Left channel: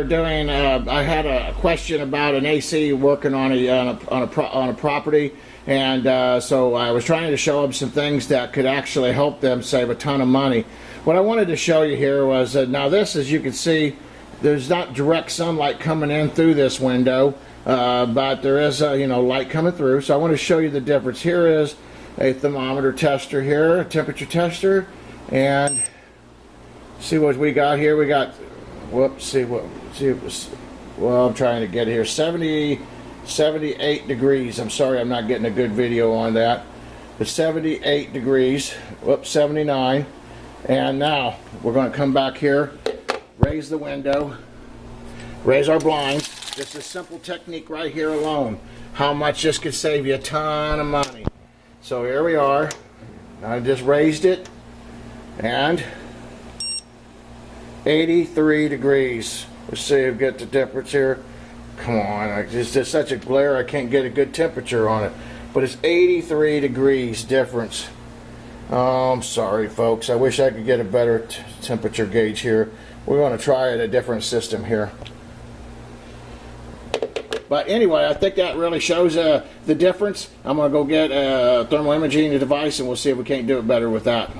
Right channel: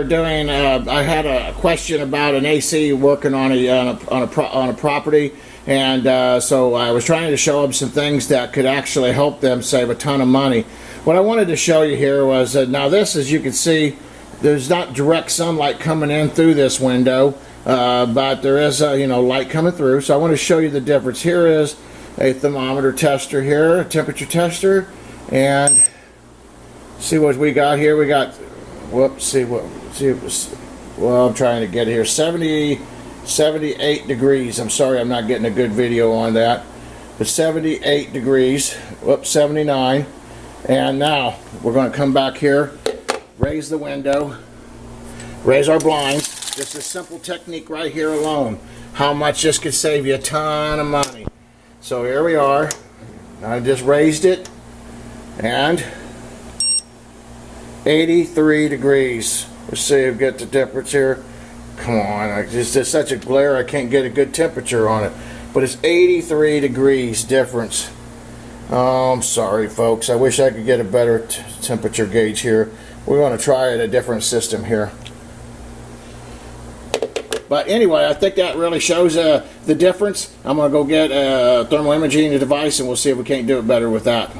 I had a question about an AC working on a property, and so I was trying to show them some things that could actually help them save a ton of money. What I wanted to show you here was now this, as you can see, there's not direct sunlight coming in through this window, but there is light coming through. So I want to show you the difference. Here is a thermometer tester here, a temperature tester, and see what we got here. We got, whoops, well, I'm trying to get here, 78 degrees. I'm sorry I'm not getting a good video on that, but 78 degrees, whoops, 79. And now we're going to come back here, raise the window, raise our blinds. Just a simple technique right here alone, how much this could save you a ton of money. So here we are. I just raised it, and 83 degrees. Let's see if we get the temperature. Come on, there's such a glare I can't get a good temperature on it. But it's 83 degrees difference. Oh, I'm sorry folks, I wish I could get a better temperature gauge here. We're going to try a different system here. But anyway, I think that really shows the difference. I'm going to go get a thermal imaging device, and we'll see if we can't do it better with that.